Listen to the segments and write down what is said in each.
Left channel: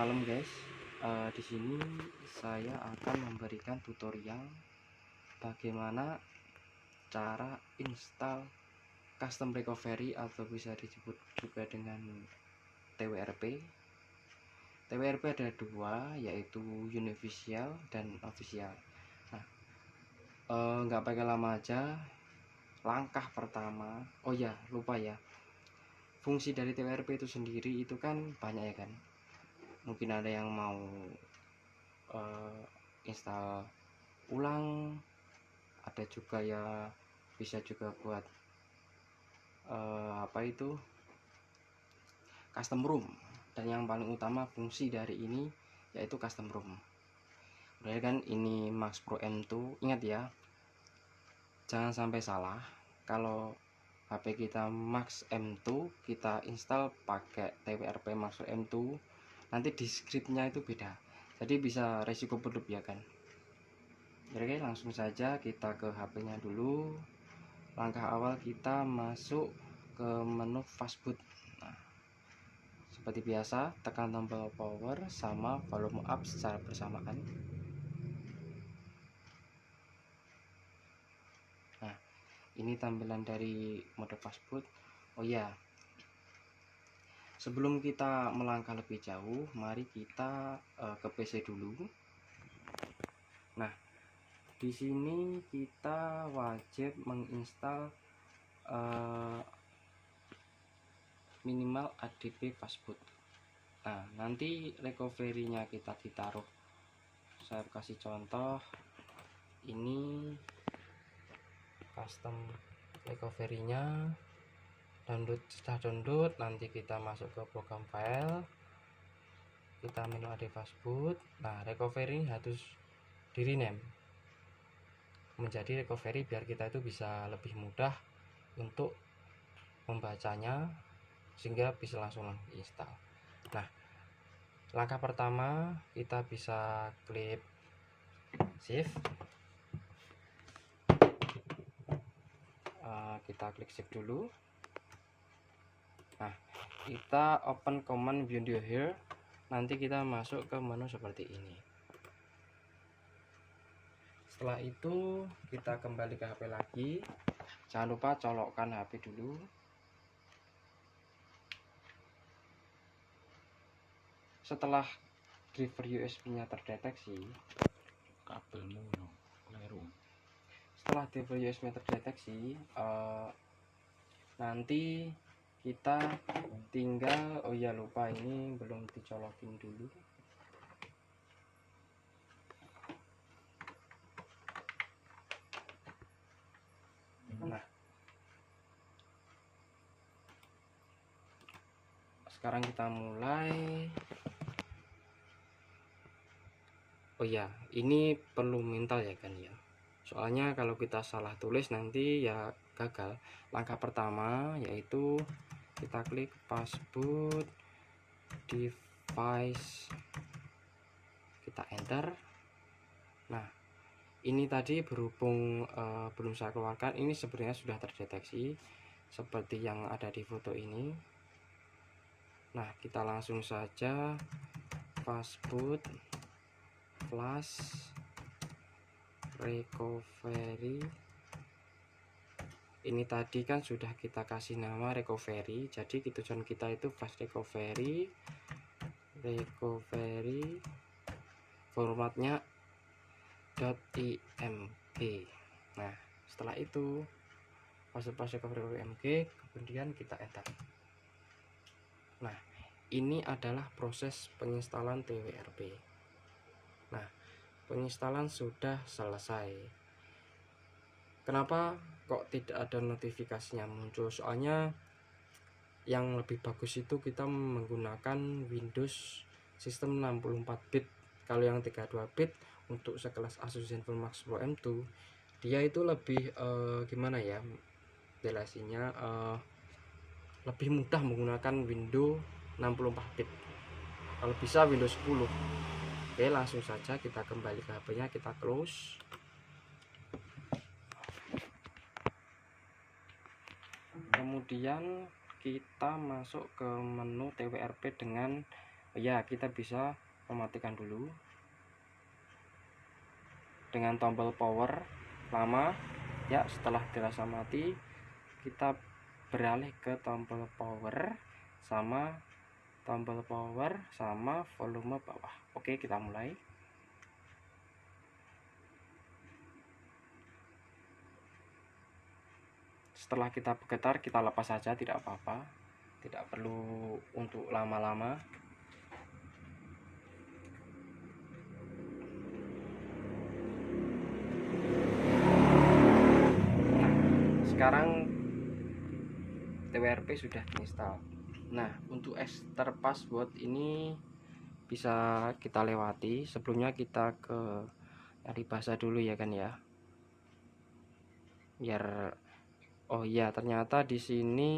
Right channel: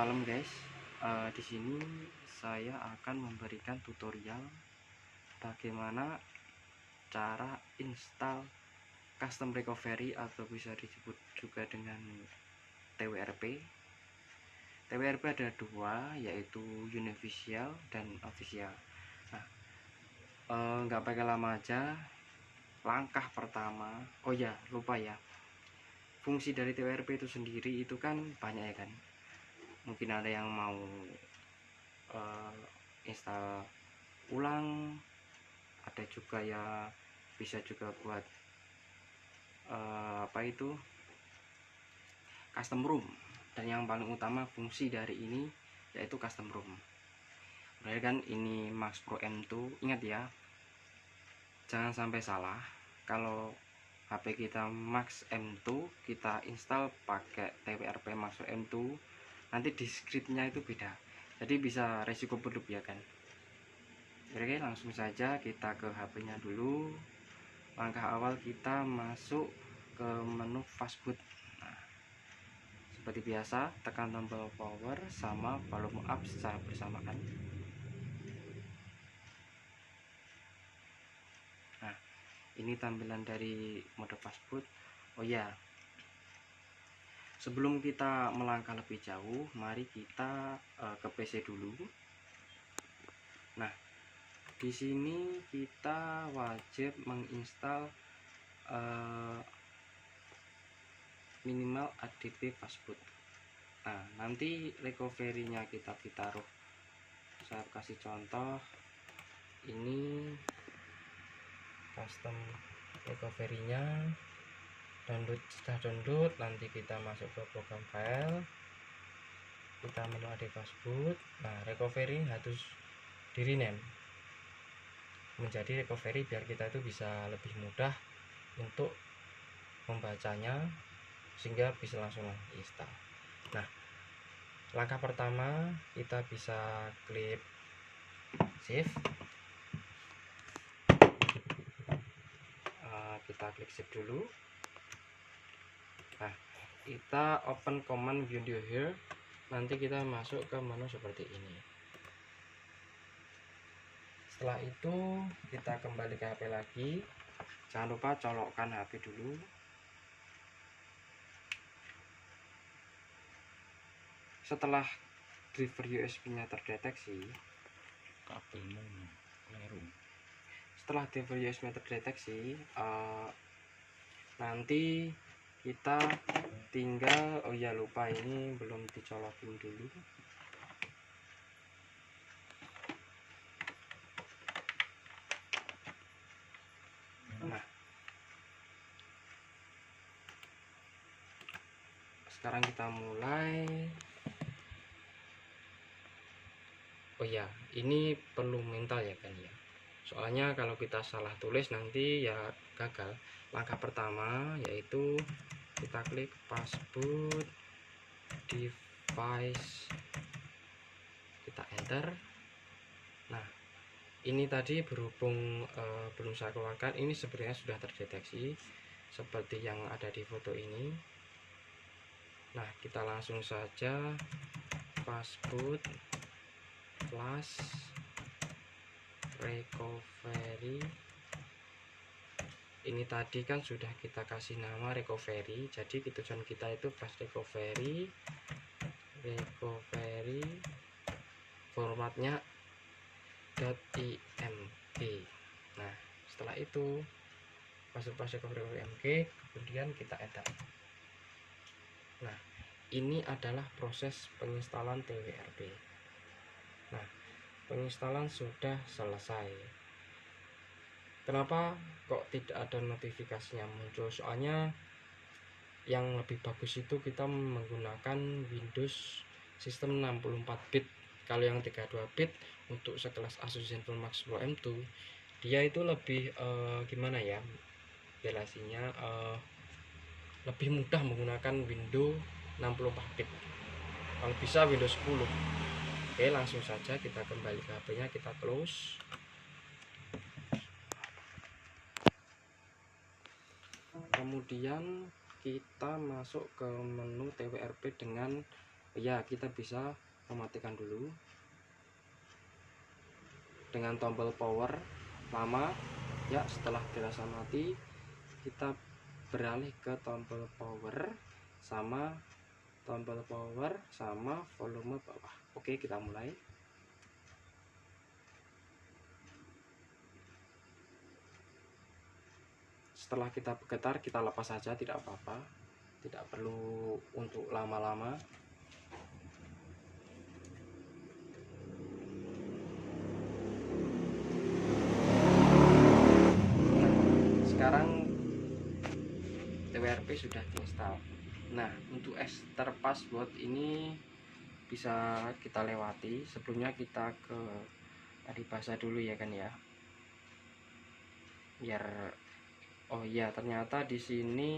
malam guys. Di sini saya akan memberikan tutorial bagaimana cara install custom recovery atau bisa disebut juga dengan TWRP. TWRP ada dua, yaitu unofficial dan official. Nah, nggak pakai lama aja. Langkah pertama, oh ya lupa ya, fungsi dari TWRP itu sendiri itu kan banyak ya kan. Mungkin ada yang mau install ulang, ada juga ya bisa juga buat custom room, dan yang paling utama fungsi dari ini yaitu custom room. Berarti kan ini Max Pro M2, ingat ya, jangan sampai salah. Kalau HP kita Max M2 kita install pakai TWRP Max Pro M2, nanti di scriptnya itu beda, jadi bisa resiko berlebih ya kan. Oke, langsung saja kita ke HP nya dulu. Langkah awal kita masuk ke menu fastboot. Nah, seperti biasa tekan tombol power sama volume up secara bersamaan. Nah, ini tampilan dari mode fastboot. Oh ya, sebelum kita melangkah lebih jauh, mari kita ke PC dulu. Nah, di sini kita wajib menginstal minimal ADB fastboot. Nah, nanti recovery-nya kita ditaruh, saya kasih contoh, ini custom recovery-nya. Download, setelah download nanti kita masuk ke program file, kita menu AD fastboot. Nah, recovery harus di rename menjadi recovery biar kita itu bisa lebih mudah untuk membacanya, sehingga bisa langsung install. Nah, langkah pertama kita bisa klik save. Kita klik save dulu. Nah, kita open command window here. Nanti kita masuk ke menu seperti ini. Setelah itu kita kembali ke HP lagi. Jangan lupa colokkan HP dulu. Setelah driver USB-nya terdeteksi, kabelmu keliru. Setelah driver USB-nya terdeteksi, nanti kita tinggal, oh ya lupa, ini belum dicolokin dulu. Nah, sekarang kita mulai. Oh ya, ini perlu mental ya kan ya, soalnya kalau kita salah tulis nanti ya gagal. Langkah pertama yaitu kita klik fastboot device, kita enter. Nah, ini tadi berhubung belum saya keluarkan, ini sebenarnya sudah terdeteksi seperti yang ada di foto ini. Nah, kita langsung saja fastboot flash recovery. Ini tadi kan sudah kita kasih nama recovery, jadi tujuan kita itu flash recovery formatnya .img. Nah, setelah itu flash recovery .img, kemudian kita enter. Nah, ini adalah proses penginstalan TWRP. Nah, penginstalan sudah selesai. Kenapa kok tidak ada notifikasinya muncul? Soalnya yang lebih bagus itu kita menggunakan Windows sistem 64 bit. Kalau yang 32 bit untuk sekelas Asus ZenFone Max Pro M2, dia itu lebih gimana ya, belasinya lebih mudah menggunakan Windows 64 bit. Kalau bisa Windows 10. Oke, langsung saja kita kembali ke HP-nya, kita close. Kemudian kita masuk ke menu TWRP dengan Ya, kita bisa mematikan dulu dengan tombol power lama ya. Setelah dirasa mati, kita beralih ke tombol power sama volume bawah. Oke, kita mulai. Setelah kita bergetar, kita lepas saja, tidak apa-apa, tidak perlu untuk lama-lama. Nah, sekarang TWRP sudah diinstal. Nah, untuk extra password ini bisa kita lewati. Sebelumnya kita ke dari bahasa dulu ya kan ya, biar oh iya, ternyata di sini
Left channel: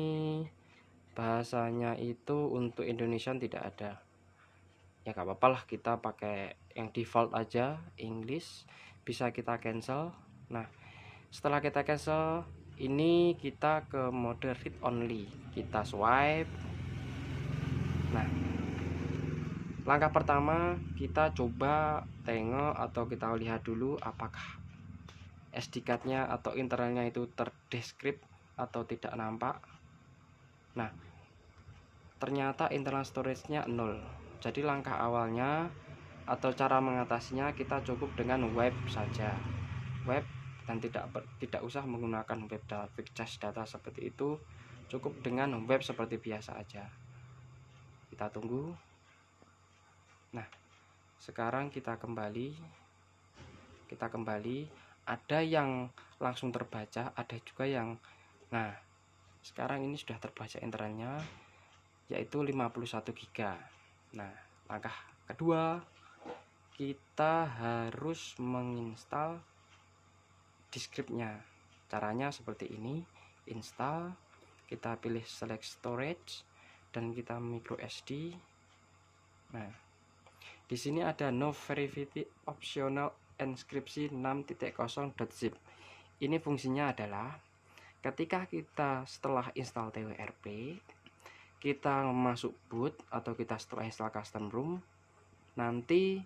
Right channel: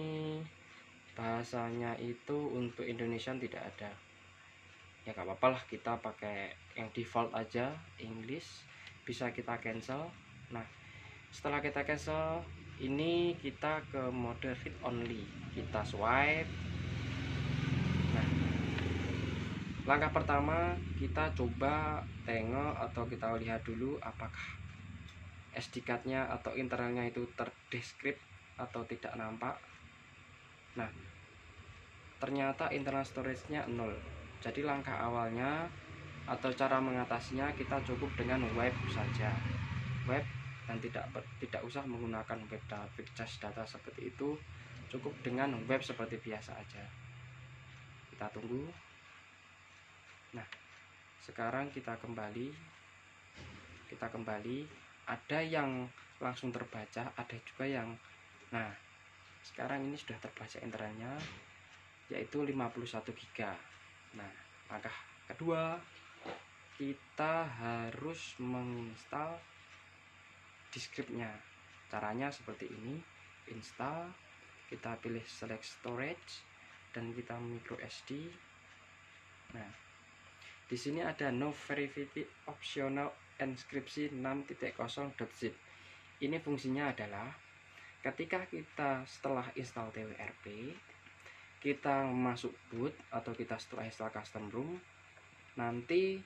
bahasanya itu untuk Indonesia tidak ada. Ya gak apa-apa lah, kita pakai yang default aja, English. Bisa kita cancel. Nah, setelah kita cancel, ini kita ke mode read only, kita swipe. Nah, langkah pertama kita coba tengok atau kita lihat dulu apakah SD card-nya atau internalnya itu terdeskrip atau tidak nampak. Nah, ternyata internal storage-nya 0. Jadi langkah awalnya atau cara mengatasinya kita cukup dengan wipe saja. Wipe dan tidak usah menggunakan web cache data seperti itu. Cukup dengan web seperti biasa aja. Kita tunggu. Nah, sekarang kita kembali. Ada yang langsung terbaca, ada juga yang sekarang ini sudah terbaca internalnya, yaitu 51 GB. Nah, langkah kedua kita harus menginstal deskripnya. Caranya seperti ini. Install, kita pilih select storage dan kita micro SD. Nah, di sini ada no verify optional enkripsi 6.0.zip. Ini fungsinya adalah ketika kita setelah install TWRP, kita masuk boot atau kita setelah install custom ROM, nanti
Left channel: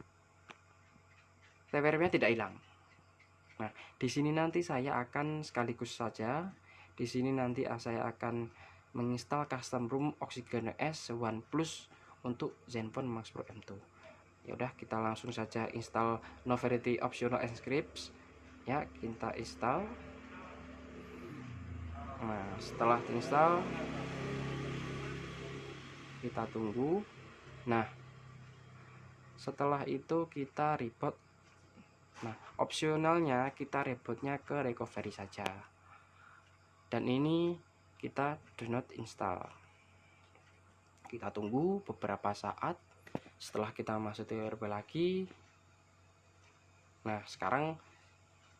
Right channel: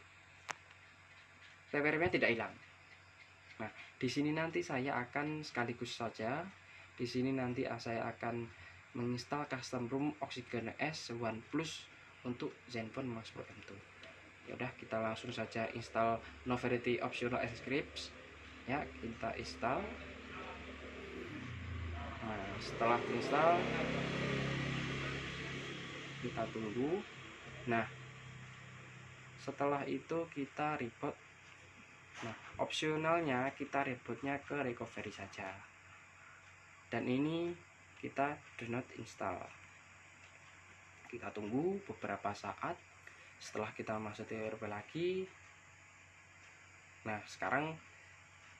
TWRP-nya tidak hilang. Nah, di sini nanti saya akan sekaligus saja. Di sini nanti saya akan menginstal custom ROM Oxygen S1 Plus untuk Zenfone Max Pro M2. Ya udah, kita langsung saja install no verify optional encrypts. Ya, kita install. Nah, setelah diinstal kita tunggu. Nah, setelah itu kita reboot. Nah, opsionalnya kita rebootnya ke recovery saja. Dan ini kita do not install. Kita tunggu beberapa saat. Setelah kita masuk TWRP lagi. Nah, sekarang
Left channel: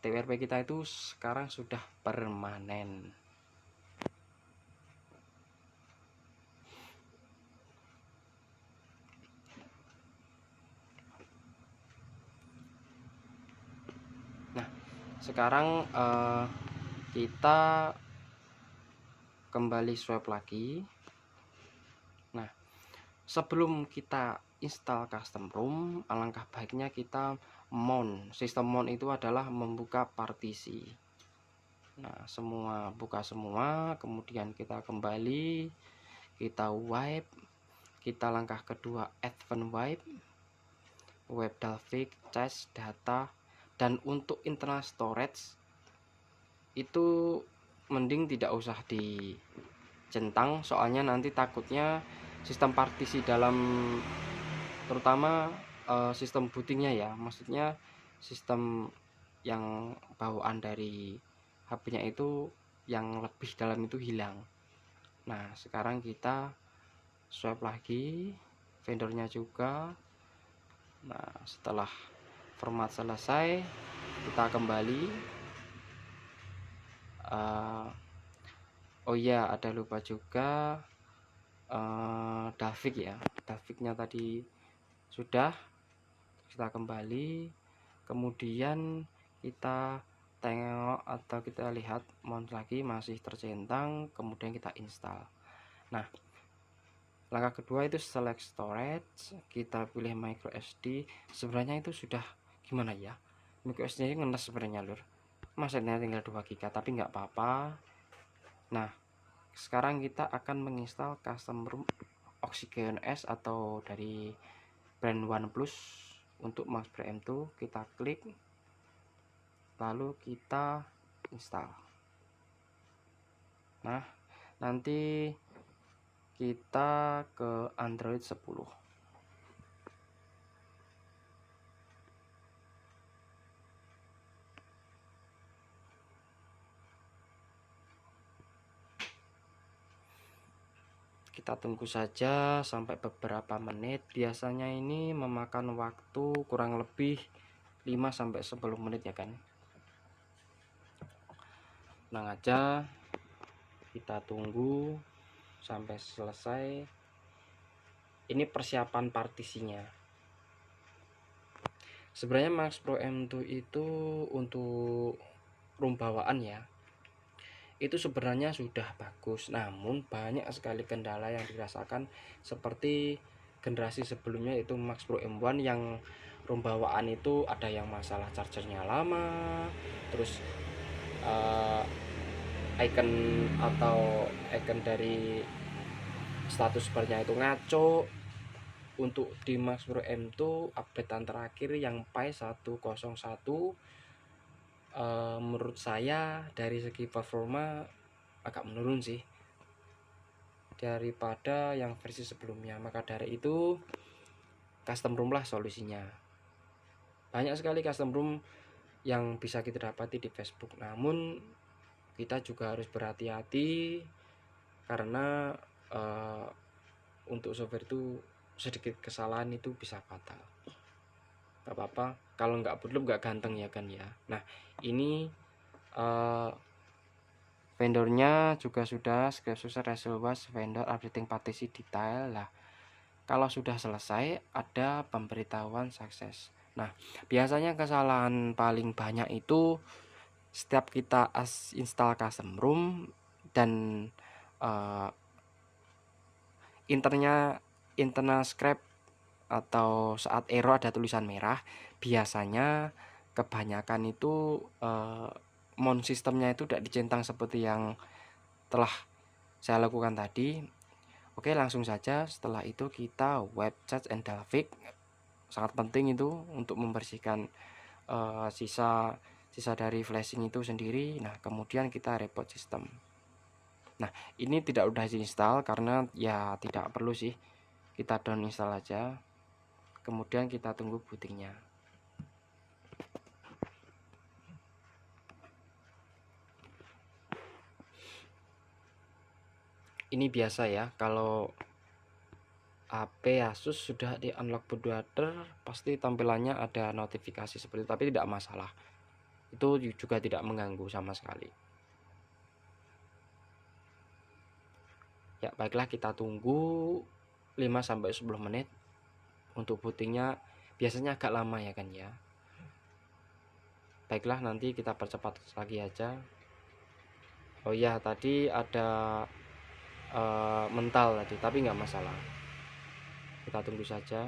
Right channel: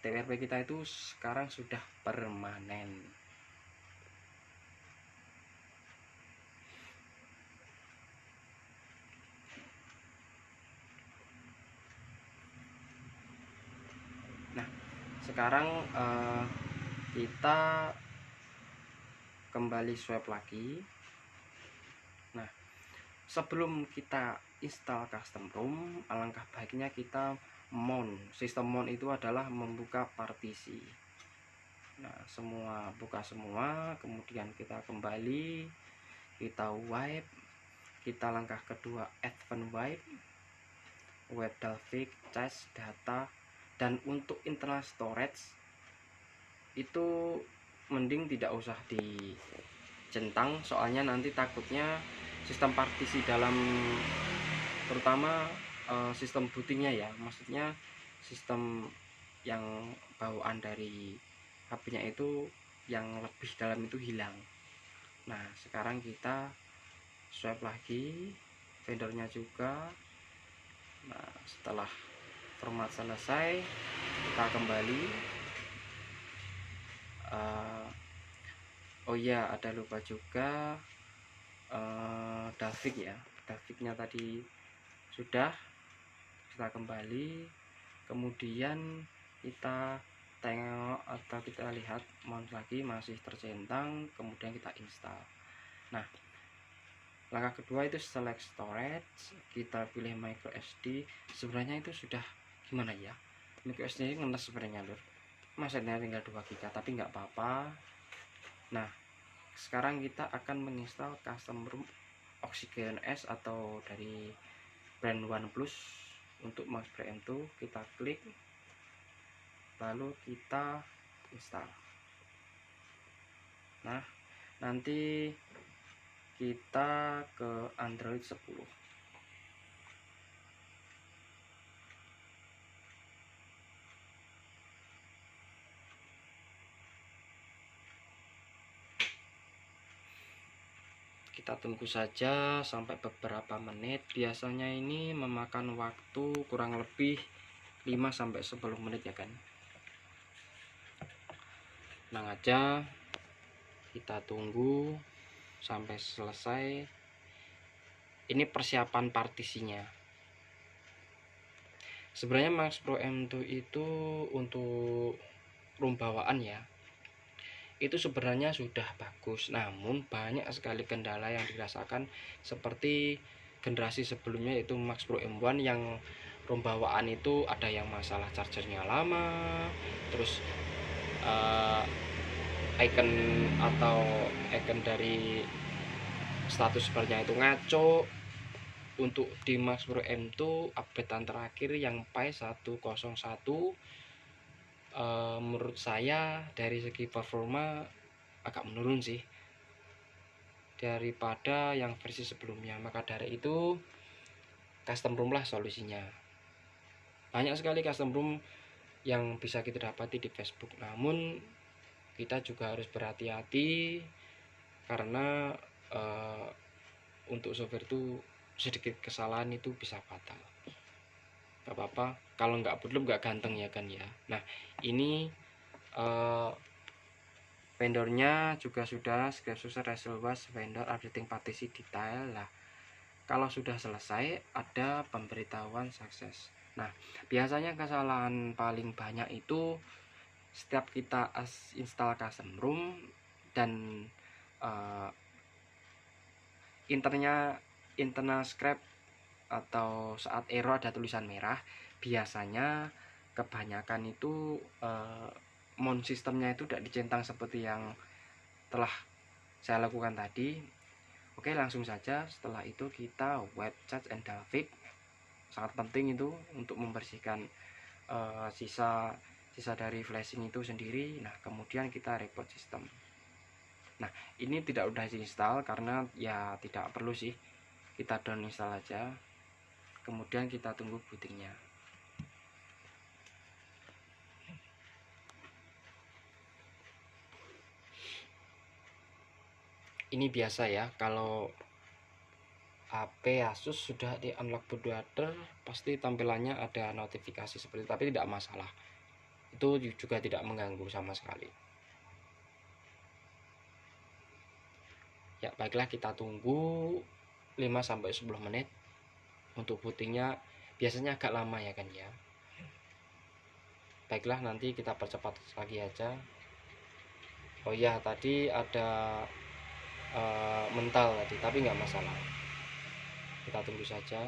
TWRP kita itu sekarang sudah permanen. Nah, sekarang kita kembali swipe lagi. Nah, sebelum kita install custom ROM, alangkah baiknya kita mount. Sistem mount itu adalah membuka partisi. Nah, buka semua, kemudian kita kembali, kita wipe, kita langkah kedua advance wipe, web delphic, cache data, dan untuk internal storage itu mending tidak usah dicentang, soalnya nanti takutnya sistem partisi dalam terutama sistem bootingnya ya, maksudnya sistem yang bawaan dari HP-nya itu yang lebih dalam itu hilang. Nah, sekarang kita swipe lagi, vendornya juga. Nah, setelah format selesai, kita kembali. Oh iya, ada lupa juga Davik ya. Daviknya tadi sudah. Kita kembali, kemudian kita tengok atau kita lihat mount lagi masih tercentang, kemudian kita install. Nah, Langkah kedua itu select storage, kita pilih micro SD. Sebenarnya itu sudah gimana ya, micro SD ini ngenes sebenarnya lur, maksudnya tinggal 2 GB tapi nggak apa-apa. Nah sekarang kita akan menginstal custom ROM Oxygen S atau dari brand OnePlus untuk Max Pro M2. Kita klik lalu kita install. Nah nanti kita ke Android 10. Kita tunggu saja sampai beberapa menit. Biasanya ini memakan waktu kurang lebih 5-10 menit ya kan. Tenang aja, kita tunggu sampai selesai. Ini persiapan partisinya. Sebenarnya Max Pro M2 itu untuk ROM bawaan ya, itu sebenarnya sudah bagus, namun banyak sekali kendala yang dirasakan seperti generasi sebelumnya yaitu Max Pro M1 yang ROM bawaan itu ada yang masalah chargernya lama, terus icon atau icon dari status barnya itu ngaco. Untuk di Max Pro M2 updatean terakhir yang PAI 101, menurut saya dari segi performa agak menurun sih daripada yang versi sebelumnya. Maka dari itu custom ROM lah solusinya. Banyak sekali custom ROM yang bisa kita dapati di Facebook, namun kita juga harus berhati-hati karena untuk software itu sedikit kesalahan itu bisa fatal. Gak apa-apa, kalau nggak belum nggak ganteng ya kan ya. Nah ini vendornya juga sudah script user result was vendor updating partisi detail lah. Kalau sudah selesai ada pemberitahuan sukses. Nah biasanya kesalahan paling banyak itu setiap kita install custom ROM dan internal script atau saat error ada tulisan merah, biasanya kebanyakan itu mount sistemnya itu tidak dicentang seperti yang telah saya lakukan tadi. Oke, langsung saja. Setelah itu kita wipe cache and delete. Sangat penting itu untuk membersihkan sisa dari flashing itu sendiri. Nah kemudian kita reboot sistem. Nah ini tidak udah diinstal karena ya tidak perlu sih, kita down install aja, kemudian kita tunggu bootingnya. Ini biasa ya, kalau HP Asus sudah di unlock bootloader pasti tampilannya ada notifikasi seperti itu, tapi tidak masalah, itu juga tidak mengganggu sama sekali. Ya baiklah, kita tunggu 5-10 menit. Untuk bootingnya biasanya agak lama ya kan ya. Baiklah, nanti kita percepat lagi aja. Oh iya, tadi ada mental tadi, tapi nggak masalah, kita tunggu saja.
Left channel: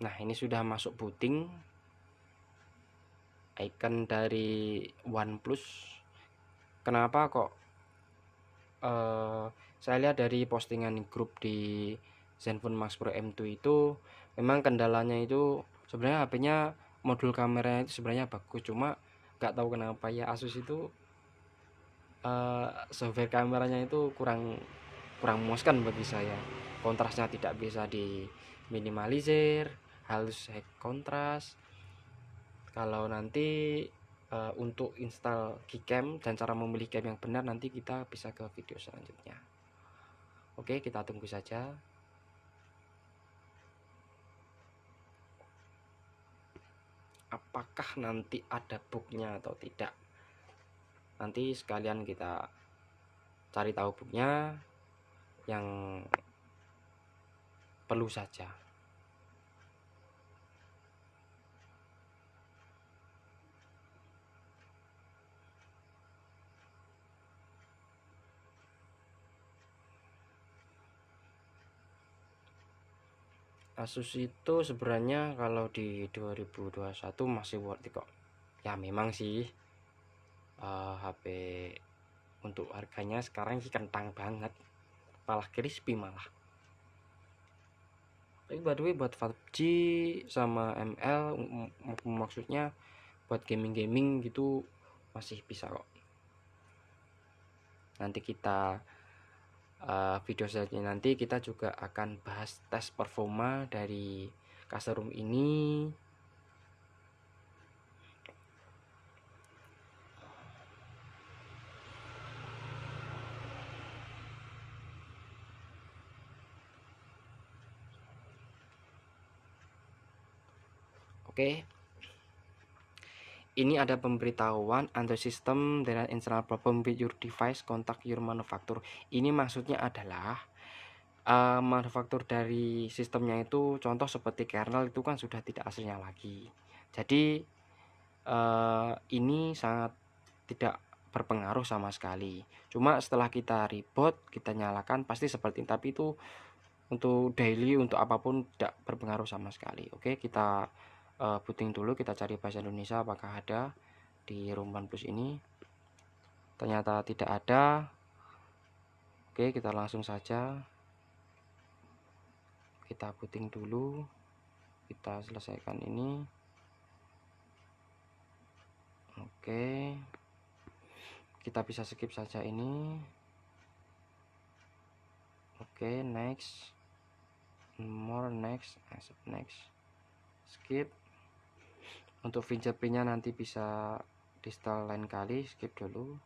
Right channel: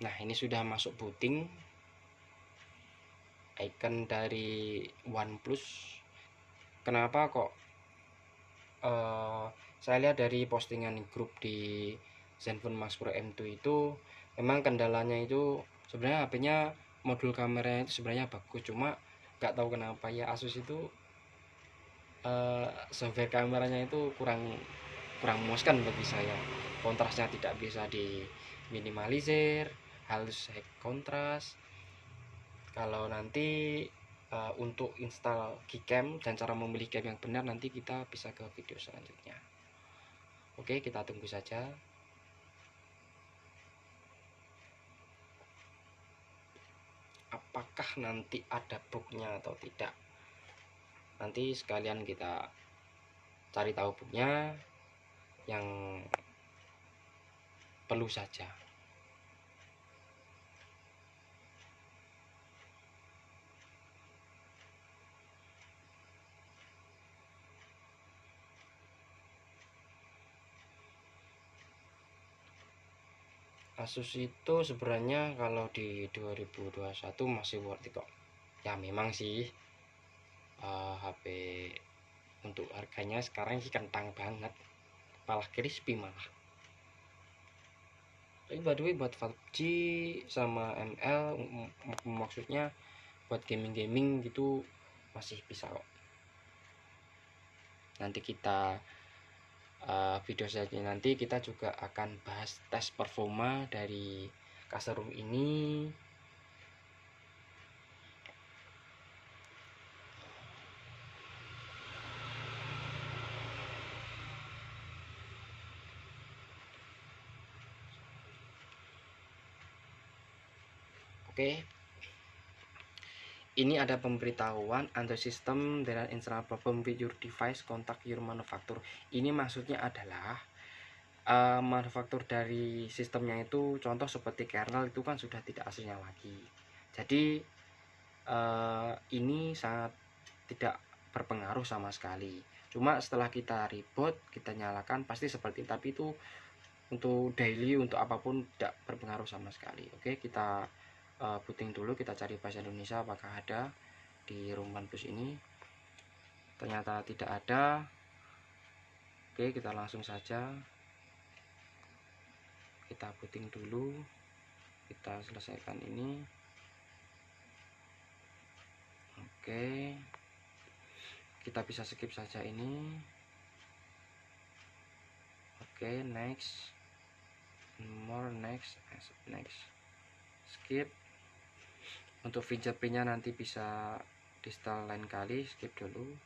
Nah ini sudah masuk booting, icon dari OnePlus. Kenapa kok saya lihat dari postingan grup di Zenfone Max Pro M2 itu memang kendalanya itu sebenarnya HP-nya modul kameranya itu sebenarnya bagus, cuma nggak tahu kenapa ya Asus itu software kameranya itu kurang memuaskan bagi saya. Kontrasnya tidak bisa diminimalisir, halus high kontras. Kalau nanti untuk install Gcam dan cara memilih cam yang benar, nanti kita bisa ke video selanjutnya. Oke, kita tunggu saja. Apakah nanti ada bugnya atau tidak, nanti sekalian kita cari tahu booknya yang perlu saja. Asus itu sebenarnya kalau di 2021 masih worth it kok ya. Memang sih HP untuk harganya sekarang sih kentang banget, malah crispy malah. Tapi by the way buat PUBG sama ML maksudnya buat gaming gitu masih bisa kok. Nanti kita video selanjutnya nanti kita juga akan bahas tes performa dari custom room ini. Oke. Ini ada pemberitahuan under system there are internal problem with your device, contact your manufacturer. Ini maksudnya adalah manufaktur dari sistemnya itu, contoh seperti kernel itu kan sudah tidak aslinya lagi. Jadi ini sangat tidak berpengaruh sama sekali. Cuma setelah kita reboot, kita nyalakan pasti seperti ini. Tapi itu untuk daily, untuk apapun tidak berpengaruh sama sekali. Oke, kita booting dulu, kita cari bahasa Indonesia apakah ada di Room OnePlus ini. Ternyata tidak ada. Oke, kita langsung saja kita booting dulu, kita selesaikan ini. Oke, kita bisa skip saja ini. Oke, next, more, next, next, skip. Untuk fingerprintnya nanti bisa di install lain kali, skip dulu.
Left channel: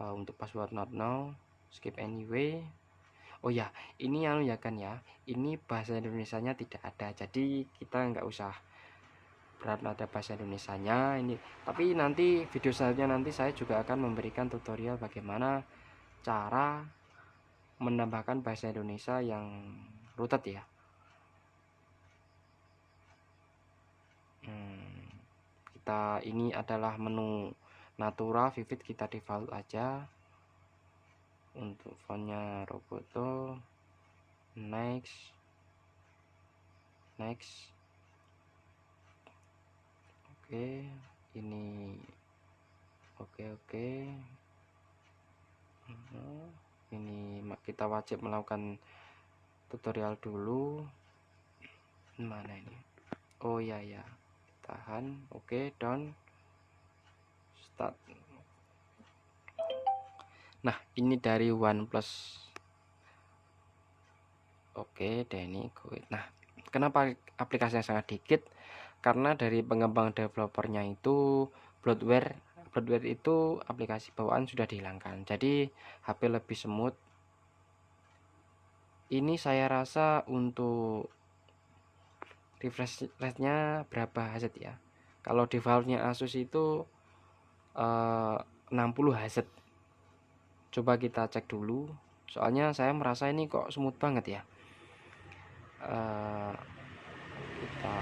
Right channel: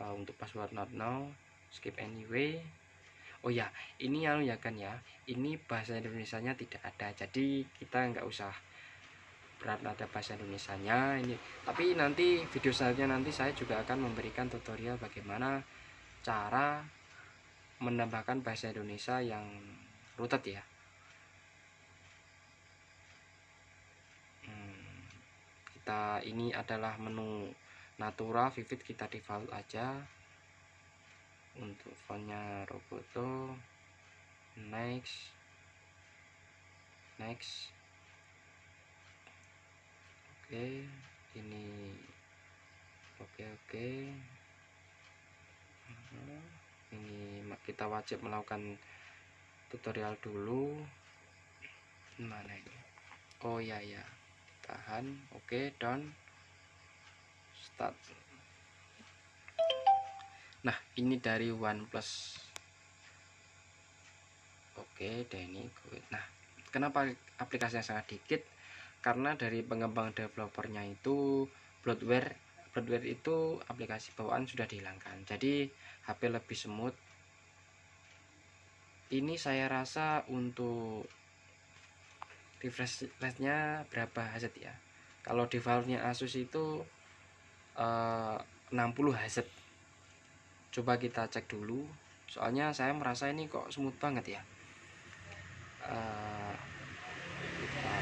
Untuk password not now, skip anyway. Oh ya, ini ya kan ya, ini bahasa Indonesianya tidak ada, jadi kita nggak usah berat ada bahasa Indonesianya ini. Tapi nanti video selanjutnya nanti saya juga akan memberikan tutorial bagaimana cara menambahkan bahasa Indonesia yang rooted ya. Kita ini adalah menu natural vivid, kita default aja. Untuk fontnya Roboto, next, next. Oke, ini oke. Ini kita wajib melakukan tutorial dulu. Mana ini? Oh ya, tahan. Oke, done, start. Nah, ini dari OnePlus. Oke, ini gue. Nah, kenapa aplikasinya sangat dikit? Karena dari pengembang developernya itu bloatware itu aplikasi bawaan sudah dihilangkan, jadi HP lebih smooth. Ini saya rasa untuk refresh rate-nya berapa Hz ya? Kalau defaultnya Asus itu 60 Hz. Coba kita cek dulu, soalnya saya merasa ini kok smooth banget ya. Kita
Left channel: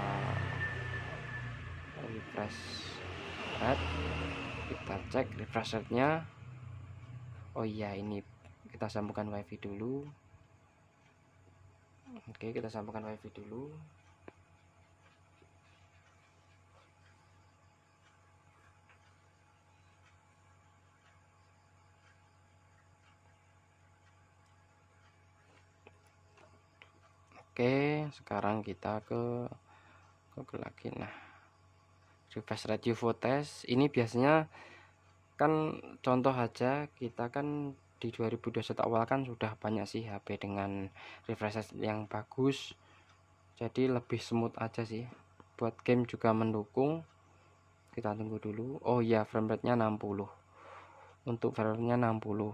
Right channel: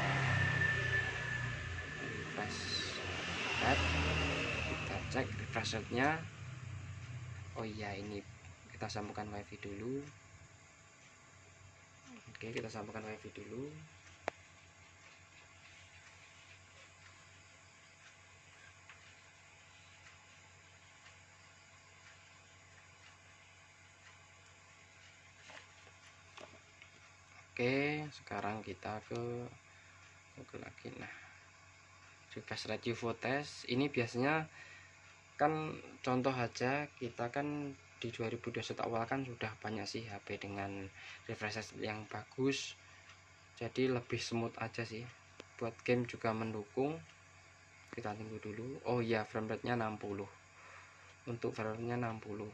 refresh rate, kita cek refresh rate-nya. Oh iya, ini kita sambungkan wifi dulu. Oke, kita sambungkan wifi dulu. Oke, sekarang kita ke Google lagi. Nah, refresh rate UFO test ini biasanya kan contoh aja, kita kan di 2021 awal kan sudah banyak sih HP dengan refresh rate yang bagus, jadi lebih smooth aja sih. Buat game juga mendukung. Kita tunggu dulu. Oh iya, frame rate nya 60. Untuk frame rate nya 60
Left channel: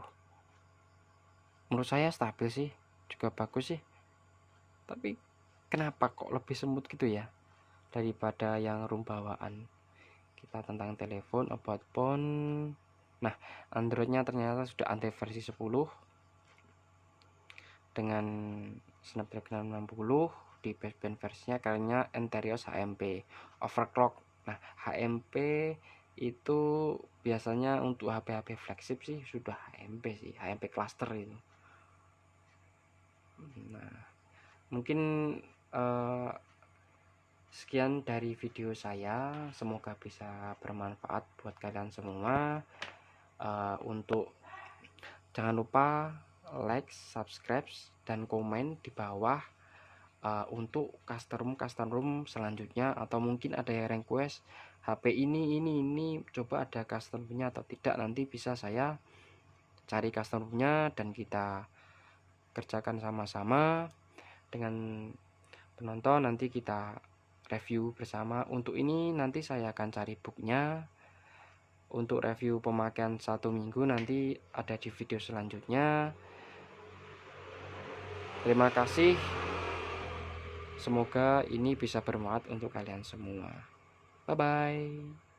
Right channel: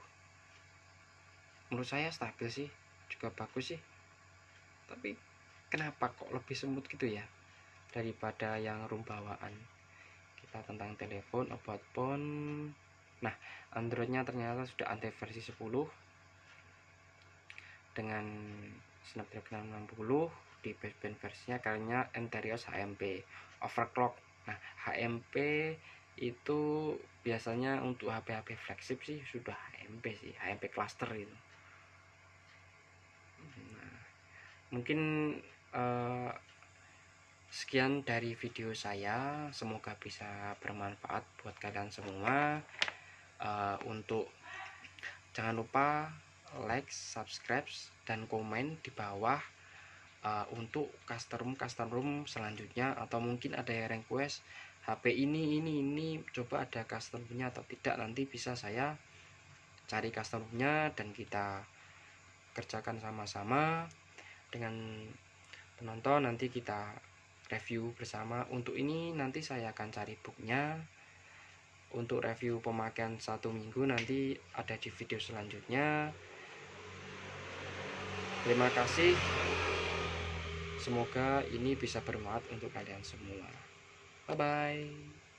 menurut saya stabil sih, juga bagus sih. Tapi kenapa kok lebih smooth gitu ya daripada yang room bawaan. Kita tentang telepon, about phone. Nah, Androidnya ternyata sudah anti versi 10 dengan Snapdragon 60 di baseband versinya kayaknya Enterios HMP overclock. Nah, HMP itu biasanya untuk HP-HP flagship sih sudah HMP sih, HMP cluster itu. Nah, mungkin sekian dari video saya, semoga bisa bermanfaat buat kalian semua. Untuk jangan lupa like, subscribe, dan komen di bawah untuk custom room selanjutnya, atau mungkin ada yang request HP ini coba ada custom roomnya atau tidak, nanti bisa saya cari custom roomnya dan kita kerjakan sama-sama dengan penonton. Nanti kita review bersama. Untuk ini nanti saya akan cari booknya untuk review pemakaian 1 minggu, nanti ada di video selanjutnya. Terima kasih, semoga ini bisa bermanfaat untuk kalian semua. Bye bye.